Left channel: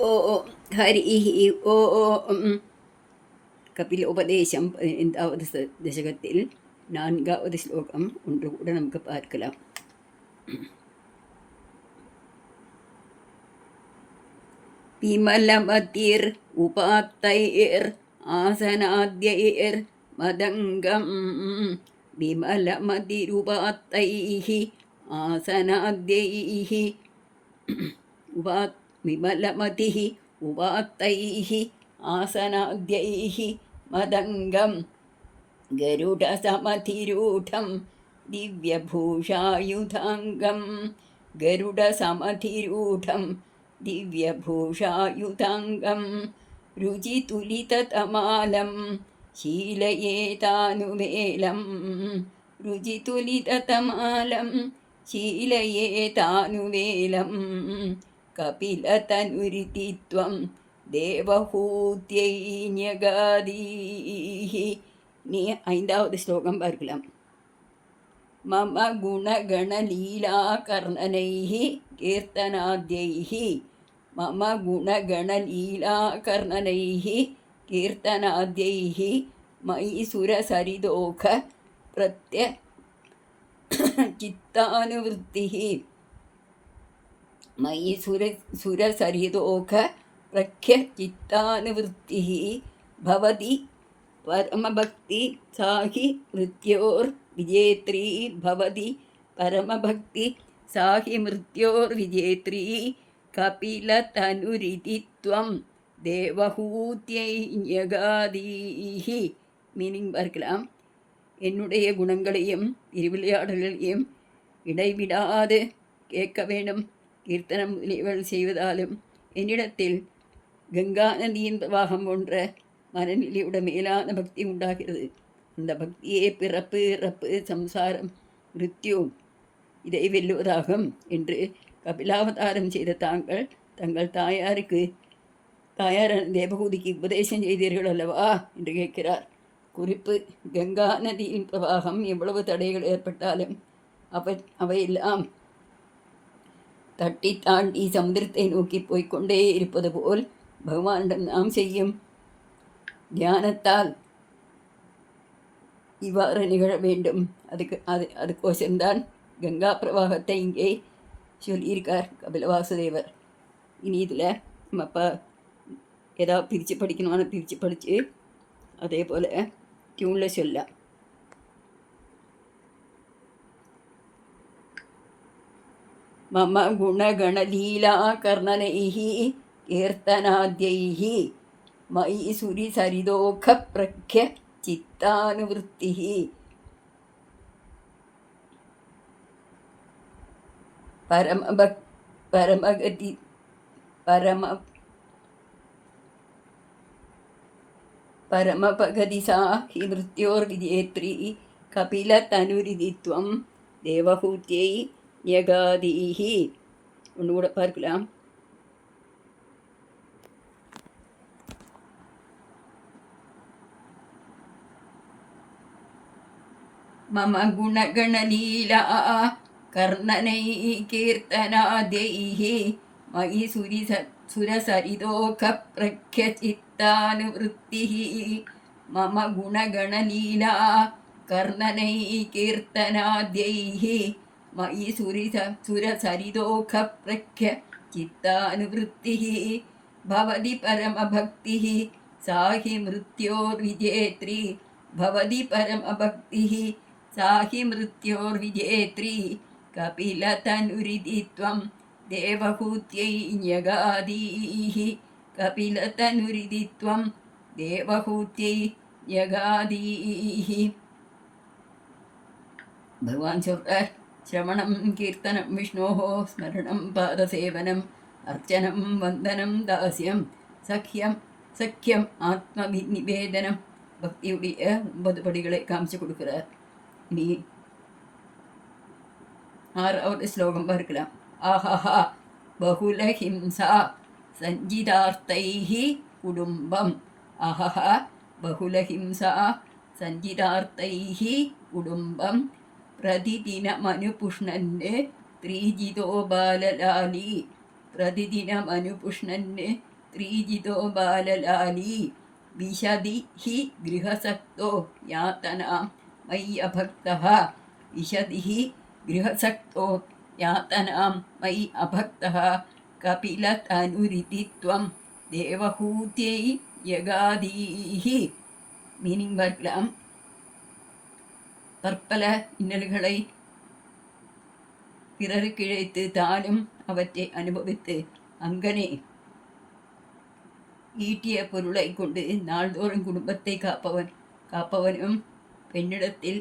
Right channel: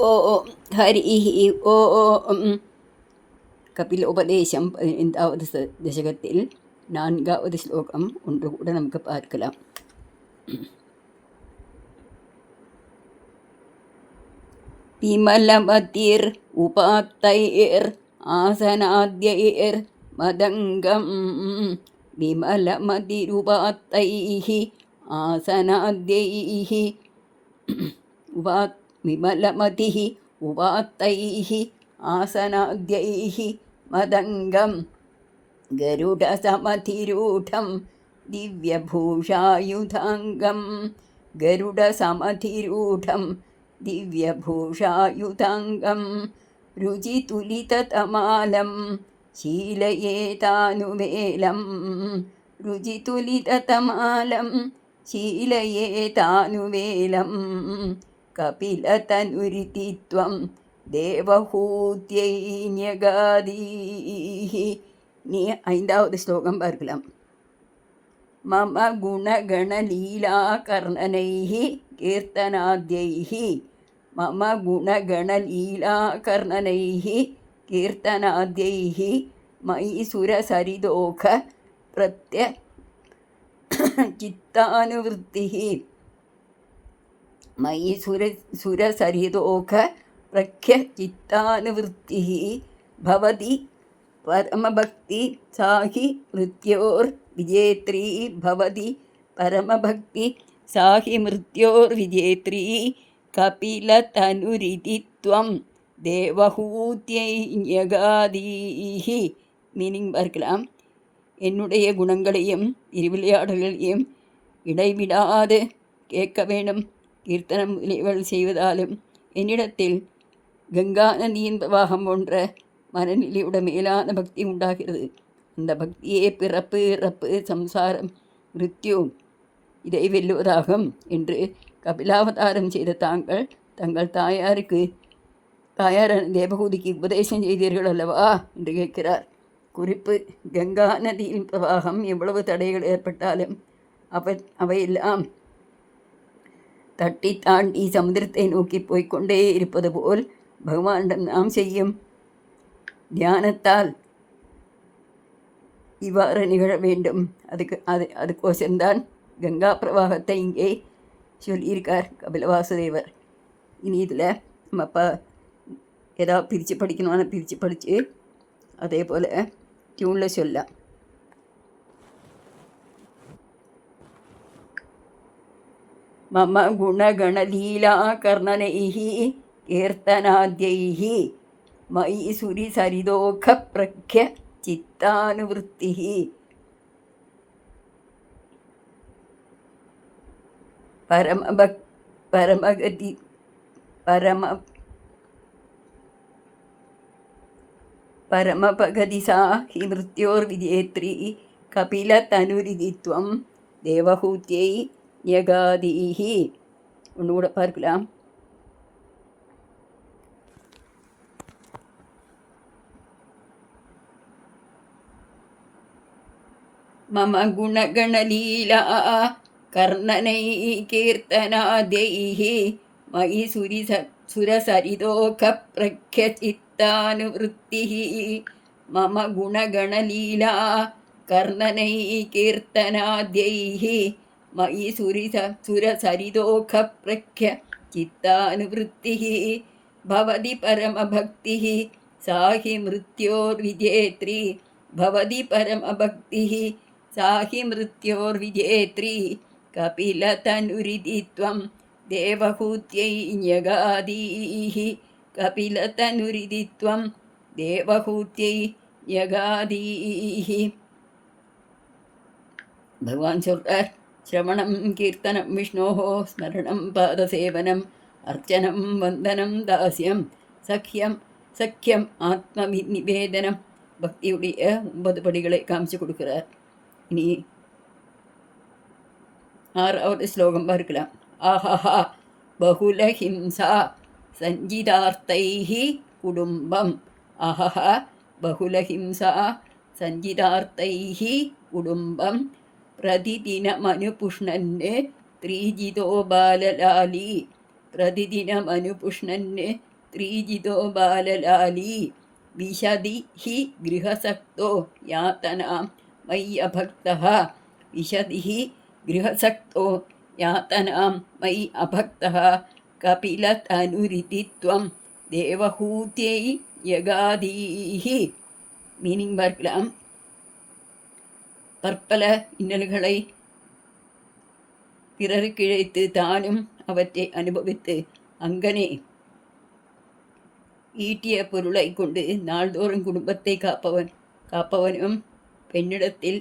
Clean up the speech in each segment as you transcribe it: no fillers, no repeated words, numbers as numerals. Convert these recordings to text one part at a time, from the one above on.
ഓം ഹരി ഓം. கபிலோபதேசம் 15வது தசகத்தில் 4வது ஸ்லோகம் ஒன்று கூட நமக்கு பார்க்கலாம். விமலமதிர் உபாத்தைர் ஆசனாத்யைர் மதங்கம். விமலமதிருபாத்தைஹி ஆசனாத்யைஹி விமலமதிஹி உபாத்தைஹி ஆசனாத்யைஹி மதங்கம். கருடசமதிரூடம் திவ்யபூஷாயுதாங்கம். கருடசமதிரூடம் திவ்யபூஷாயுதாங்கம். ருஜிதுலிததமாலம் शीलयेतानुवेलं. रुजितुलिततमालं शीलयेतानुवेलं. कपिलतनुरिति त्वं देवहूत्यै न्यगादीः. நீ 5வது ஸ்லோகம் பார்க்கலாம். மம குணகணலீலா கர்ணனைः கீர்த்தனாத்யைः. மம குணகணலீலா கர்ணனைः கீர்த்தனாத்யைः மயி சுரசரிதோக பிரத்ய சித்தானுவృத்திः. மயி சுரசரிதோக பிரக்ய சித்தானுவృத்திः பவதி பரமபக்தி சாஹி மிருத்யோர் விஜேத்ரி. பவதி பரமபக்தி சாஹி மிருத்யோர் விஜேத்ரி. கபிலதனுரிதி த்வம் தேவஹூத்யை ஞகாதீஹி. மீனிங் பார்க்கலாம். என்னுடைய குணங்களையும் திருவிளையாடல்களையும் இடைவிடாது கேட்க வேண்டும். கீர்த்தனம் முதலியவள் செய்வதாலும் என்னிடத்தில் கங்கா நதியின் பிரவாகம் போன்ற மனநிலையோட மேலான பக்தி உண்டாகிறது. அந்த பக்தியே பிறப்பு இறப்பு சம்சாரம் மிருத்யு இதை வெல்லுவதாகும் என்று கபிலாவதாரம் செய்த தாங்கள் தங்கள் தாயாரான தேவகூதிக்கு உபதேசம் செய்தீர்கள் அல்லவா என்று கேட்கிறார். குறிப்பு: கங்கா நதியின் பிரவாகம் எவ்வளவு தடைகள் ஏற்பட்டாலும் அவையெல்லாம் தட்டி தாண்டி சமுதிரத்தை நோக்கி போய்கொண்டே இருப்பது போல் பகவானிடம் நாம் செய்யும் தியானத்தால் இவ்வாறு நிகழ வேண்டும். அதுக்கோசம்தான் கங்கா பிரவாகத்தை இங்கே சொல்லியிருக்கார் கபிலவாசுதேவர். இனி இதில் நம்ம ஏதாவது பிரித்து படிக்கணும்னு பிரித்து படித்து அதே போல் டியூனில் சொல்லலாம். மம குணகணலீலா கர்ணனைஹி கீர்த்தனாத்யைஹி மயி சுரிசரிதோக பிரக்ய சித்தானுவృத்திஹி. பரமபகதி சாஹி மிருத்யோர் விஜேத்ரி. கபிலதனுரிதி த்வம் தேவஹூத்யை ஞகாதீஹி. ஒன்று கூட பார்க்கலாம். மம குணகணலீலா கர்ணனை கீர்த்தனாத்யைஹி மயி சுரசரிதோக பிரக்ய சித்தானுவృத்திஹி. மம குணகணலீலா கர்ணனை கீர்த்தனாத்யைஹி மயி சுரசரிதோக பிரக்ய சித்தானுவృத்திஹி பவதி பரமபக்திः சாஹி மிருத்யோர் விஜேத்ரி. பவதி பரமபக்திः சாஹி மிருத்யோர் விஜேத்ரி. கபிலதனுரிதி த்வம் தேவஹூத்யை ஞகாதீஹி. கபிலதனுரிதி த்வம் தேவஹூத்யை ஞகாதீஹி. பகவான் சொல்றார், சிரவணம் கீர்த்தனம் விஷ்ணோஹோ ஸ்மரணம் பாதசேவனம் அர்ச்சனம் வந்தனம் தாஸ்யம் சக்கியம் ஆத்ம நிவேதனம். பக்தியுடைய 9 படிகளை காமிச்சு கொடுக்கிறார். இனி 6வது ஸ்லோகம் பார்க்கலாம். ஆஹா பகுலஹிம்சா சஞ்சிதார்த்தைஹி குடும்பம். ஆஹா பகுலஹிம்சா சஞ்சிதார்த்தைஹி குடும்பம். பிரதிதினமனுபுஷ்ணன் த்ரீஜிதோ பாலலாலி. प्रतिदिनमनुपुष्णन् त्रिजितो बाललाली विशदि हि गृहसक्तो यातनां मयि अभक्तः विशदि हि गृहसक्तो यातनां मयि अभक्तः कपिलतनुरिति त्वं देवहूत्यै யகாதீஹ. மீனிங் பார்க்கலாம். பற்பல இன்னல்களை பிறருக்கு இழைத்து தானும் அவற்றை அனுபவித்து அங்கனே ஈட்டிய பொருளை கொண்டு நாள்தோறும் குடும்பத்தை காப்பவனும் பெண்ணிடத்தில்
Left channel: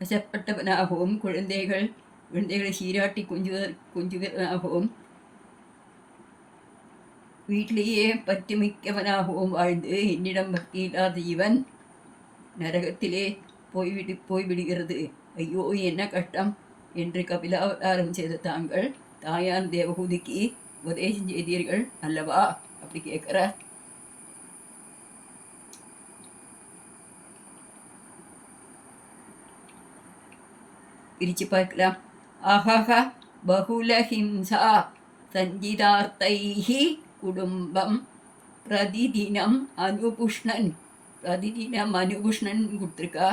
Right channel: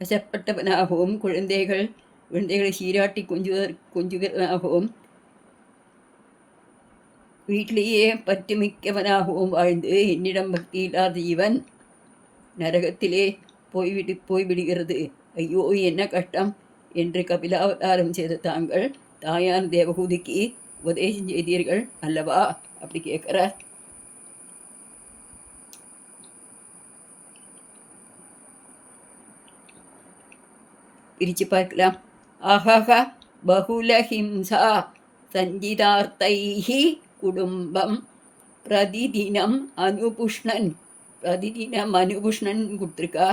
வசப்பட்டவனாகவும் குழந்தைகளை சீராட்டி கொஞ்சுவனாகவும் வீட்டிலேயே பற்றுமிக்கவனாகவும் வாழ்ந்து என்னிடம் பக்தி இல்லாத இவன் நரகத்திலே போய்விடுகிறது. ஐயோ என்ன கஷ்டம் என்று கபிலாவதாரம் செய்த தாங்கள் தாயார் தேவகூதிக்கு உபதேசம் செய்தீர்கள் அல்லவா? அப்படி கேட்கிறார். பிரிச்சு பார்க்கலாம். ஆஹா பகுலஹிம்சா சஞ்சிதார்த்தைஹி குடும்பம் பிரதிதினம் அனுபுஷ்ணன் கொடுத்துருக்கா.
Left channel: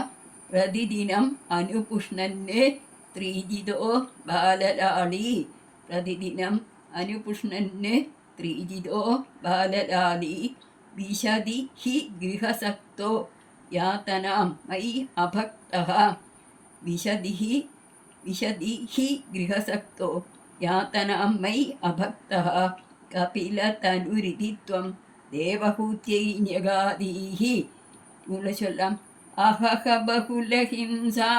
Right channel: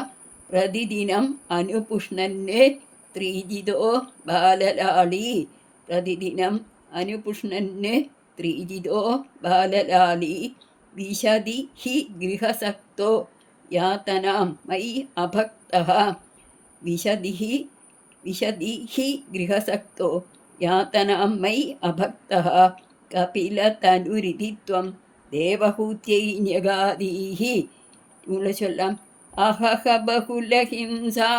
பிரதிதினம் அனுபுஷ்ணன்னு த்ரீஜிதோ பாலலாளி. பிரதிதினம் அனுபுஷ்ணன்னு த்ரீஜிதோ பாலலாளி விஷதி ஹி கிரகசக்தோ யாத்தனாம் மயி அபக்தः. விஷதி ஹி கிரகசக்தோ யாத்தனாம் மயி அபக்தः கபிலதனுரிதி த்வம் தேவஹூத்யை ஞகாதீஹி. இவங்களை சொல்லலாம். அஹஹ பகுலஹிம்சா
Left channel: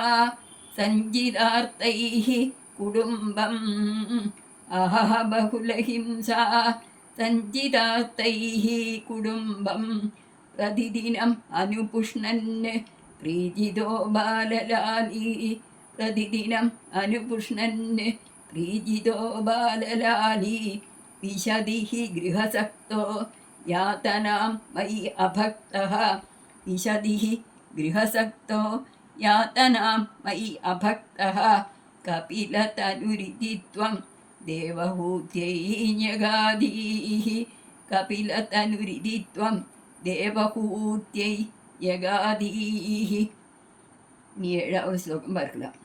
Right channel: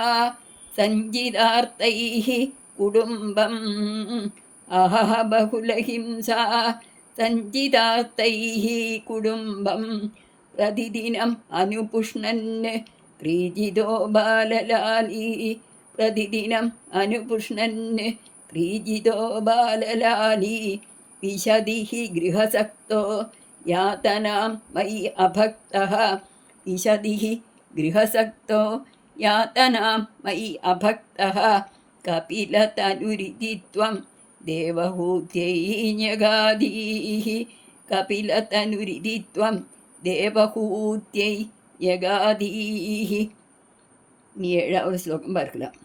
சஞ்சிதார்த்தைஹி குடும்பம். அஹஹ பகுலஹிம்சா சஞ்சிதார்த்தைஹி குடும்பம் பிரதிதினம் அனுபுஷ்ணன் ப்ரீஜிதோ பாலலாலி. பிரதிதினம் அனுபுஷ்ணன் ப்ரீஜிதோ பாலலாலி விஷதி ஹி கிரகசக்தோ யாத்தனாं மயி அபக்தः. விஷதி ஹி கிரகசக்தோ யாத்தனாं மயி அபக்தः கபிலதனுரிதி த்வம் தேவஹூத்யை ஞகாதீஹ. கபிலதனுரிதி த்வம் தேவஹூத்யை யகாதீஹ. நீ 7வது ஸ்லோகம் பார்க்கலாம்.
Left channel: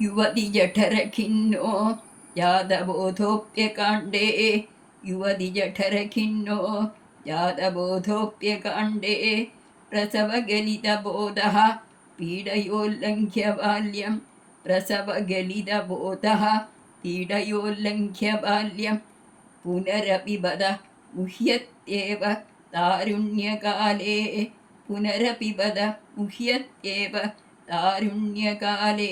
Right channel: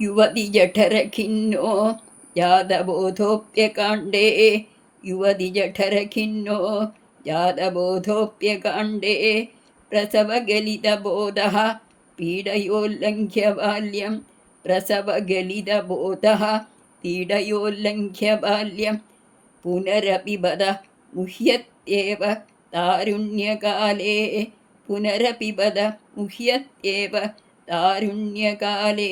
யுவதி ஜடரகின்னோ யாதபோதோப்யகாண்டே. யுவதி ஜடரகின்னோ யாதபோதோப்யகாண்டே பிரசவகலிதபோதः பீடயோல்லङ्घ्य बाल्यं. பிரசவகலிதபோதः பீடயோல்லङ्घ्य बाल्यं புனரபி பத முஹ்யத்யேவ தாருண்யகாலே. புனரபி பத முஹ்யத்யேவ தாருண்யகாலே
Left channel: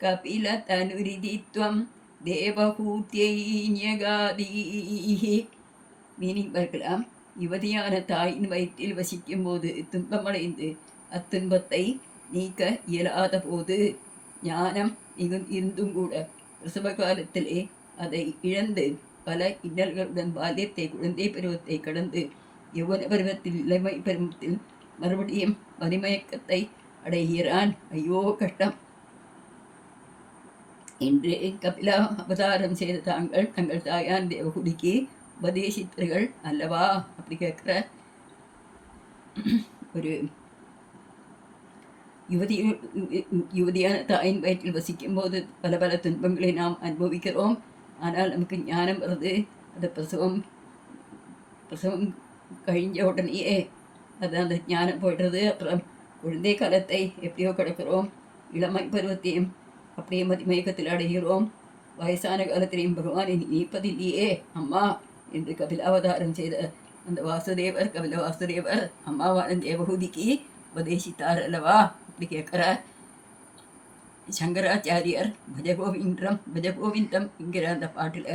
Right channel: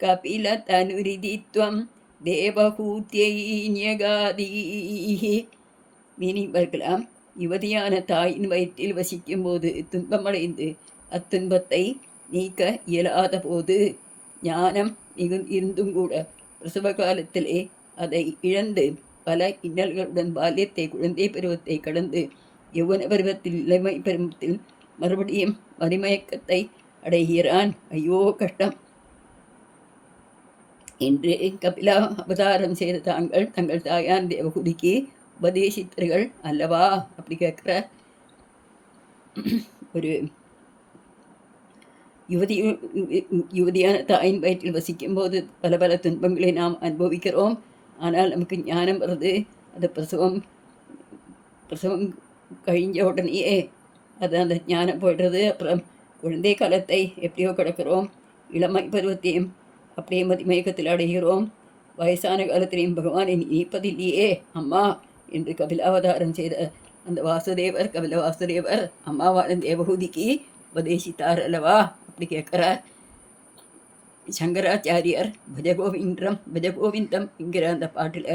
கபிலதனுரிதி த்வம் தேவஹூத்யை ஞகாதீஹ. மீனிங் பார்க்கலாம். யுவதியான தாயின் வயிற்றில் வசிக்கும் போது துன்பமடைந்து அத்துன்பத்தை நீக்க இயலாத போது ஞானம் இருந்தும் கூட பிரசவ காலத்திலே அதை இழந்து பல இன்னல்களுடன் பால்யத்தை குழந்தை பருவத்தை கடந்து யௌவன பருவத்தில் இளமை பருவத்தில் மறுபடியும் மதிமயக்கத்தை அடைகிறான். ஐயோ கஷ்டம் என்று கபிலா அவதாரம் செய்த தங்கள் தாயார் தேவகுடிக்கு உபதேசித்தர்கள் அல்லவா? அப்படி கேட்குற ஒரு யுவதியான தாயின் வயிற்றில் வசிக்கும் போது பல பல துன்பங்களை நாம் அனுபவிக்கிறோம். ஆனால் நமக்கு ஞானம் வருது. அது பிரசவம் கழிஞ்ச உடனேயே அது அந்த ஞானம் போய்டுறது. அப்புறம் குழந்தை காலத்தை எப்படியோ கிடக்கிறோம். இளமை பருவத்தையும் அப்படியே மதிமயக்கத்தில் அடைகிறோம். வயசான காலத்திலையும் பகவானை நீப்பதில்லையே அம்மா என்று கபிலாவதாரம் செய்த அந்த கபில வாசுதேவர் அம்மாவான தேவகூதிக்கு உபதேசித்தார் அல்லவா? அப்படி கேட்குறார். சங்கராச்சாரியர் பஜகோவிந்தம் என்கிற அந்த பாட்டில்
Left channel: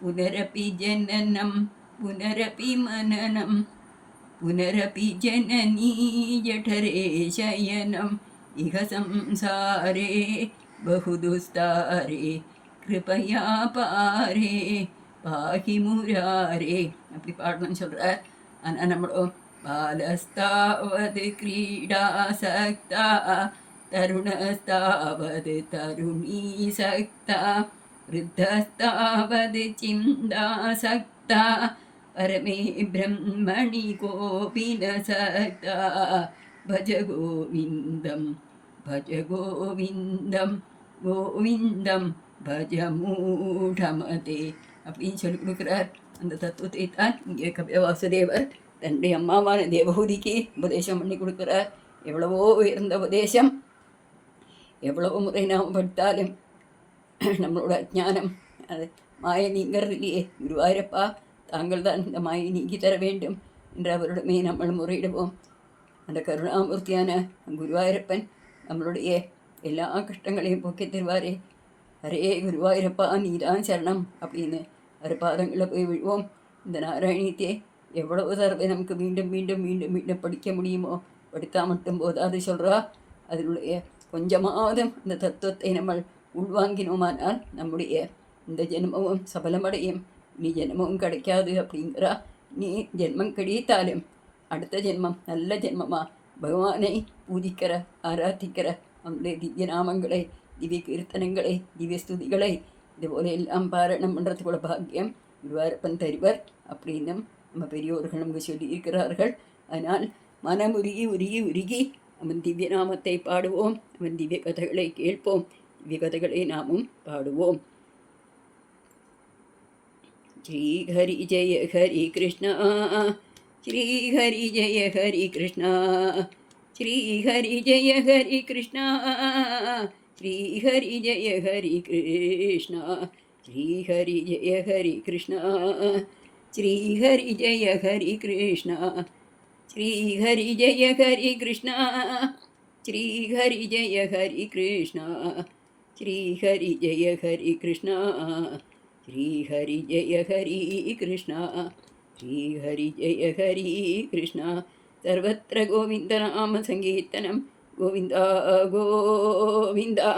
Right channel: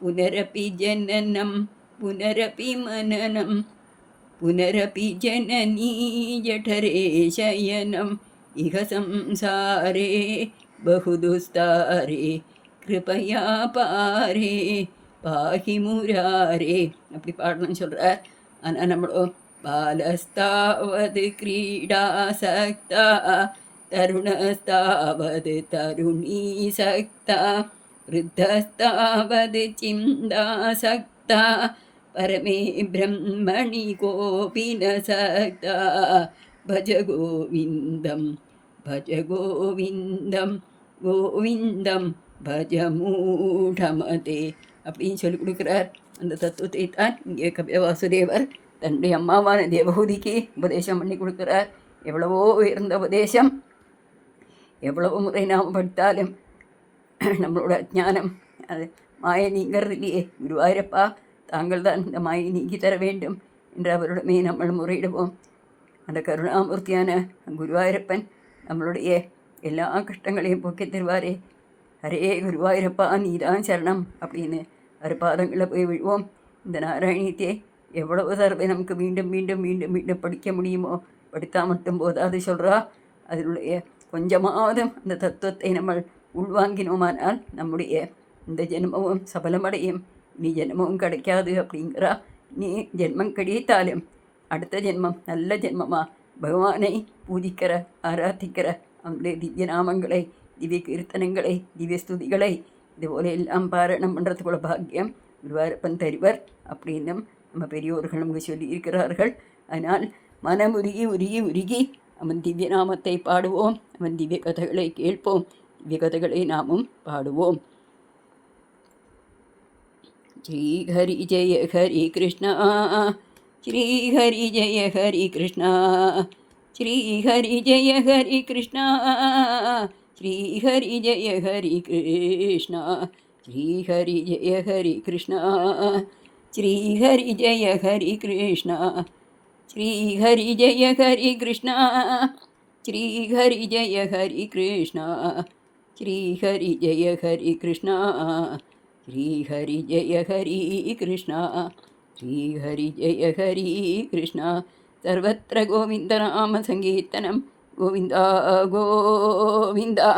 புனரபி ஜனனம் புனரபி மனனம் புனரபி ஜனனீ ஜடரே சயனம் இக சம்சாரே பகுதுஸ்தாரே கிருபயா பாரே பாகி முராரே அப்படி பாடணும்னு சொல்கிறார். ஆனால் நம்மளும் बालस्तावद् क्रीडासक्ता तरुणस्तावद् तरुणीसक्ता वृद्धस्तावद् चिन्तासक्ता परमे ब्रह्मणि कोऽपि न सक्ता भज गोविन्दं கோவிந்தம் பஜ மூடமதே அப்படின்னு சொல்லி கொடுக்குறார். அந்த தத்துவத்தை தான் இங்கே கபில வாசுதேவர் தன்னுடைய அம்மாவான தேவஹூதிக்கு உபதேசம் பண்ணி கொடுக்குறார். எவ்வளவோ உயர்ந்த உபதேசம். எவ்வளவு முறை நாம் படித்தாலும் நம்மளோட அஜ்ஞானம் அது மாயை நீங்கிறது இல்லையே. குருவாயூரப்பா தாங்கள் தான் இந்த மாயை நீக்கி தர வேண்டும் என்று அவரிடமே நம்ம முறையிடுவோம். அந்த கருணாமூர்த்தியான குருவாயூரப்பன் நம்மளுடைய எல்லா கஷ்டங்களையும் போக்கி தருவாரே. ஹரே குருவாயூரப்பா நீதான் சரணம் அப்படின்னு அவர் பாதங்களில் போய் விழுவோம். இந்த நாராயணியத்தை எவ்வளவு தடவை நமக்கு மீண்டும் மீண்டும் மீண்டும் மீண்டும் படிக்க முடியுமோ படித்தால் மட்டும் போதாது சொல்கிறா. அதனுடைய கொஞ்சமாவது அந்த தத்துவத்தை நம்ம உள்வாங்கினோமானால் நம்முடைய இந்த ஜென்மமும் சபலமடையும். நீ ஜென்மமும் கிடைக்காது அப்படிங்கிறா. நீ ஜென்மம் கிடைத்தாலும் அடுத்த ஜென்மம் நல்ல ஜென்மமாக பகவானை பூஜிக்கிற ஆராதிக்கிற அவனுடைய திவ்ய நாமங்களை திவ்ய கீர்த்தனங்களை திவ்ய ஸ்துதிகளை இதுபோல எல்லாம் பாராயணம் பண்ணுறதுக்குள்ள பாக்கியம் குருவாயூரப்பன் தருவர் அப்படின்னும் நம்ம பெரியோர்கள் நமக்கு சொல்லி இருக்கிறார்கள். அதனால் மனமுருகி உருகி உருகி அவன் திவ்ய நாமத்தை பாடுவோம். அவன் திவ்ய கதைகளை கேட்போம். திவ்ய கதைகளை நாமும் பாடுவோம். ஸ்ரீ ஹரி ஜெய ஹரி கிருஷ்ணா ஸ்ரீ ஹரி ஜெய ஹரி கிருஷ்ணா ஸ்ரீ ஹரி ஜெய ஹரி கிருஷ்ணா ஸ்ரீ ஹரி ஜெய ஹரி கிருஷ்ணா ஸ்ரீ ஹரி ஜெய ஹரி கிருஷ்ணா ஸ்ரீ ஹரி ஜெய ஹரி கிருஷ்ணா ஸ்ரீ ஹரி ஜெய ஹரி கிருஷ்ணா ஸ்ரீ ஹரி ஜெய ஹரி கிருஷ்ணா ஸ்ரீ ஹரி ஜெய ஹரி கிருஷ்ணா ஸ்ரீ ஹரி ஜெய ஹரி கிருஷ்ணா ஸ்ரீ ஹரி ஜெய ஹரி கிருஷ்ணா. सर्वत्र गोविन्दनाम सङ्कीर्तनं गोविन्दा गोविन्दा.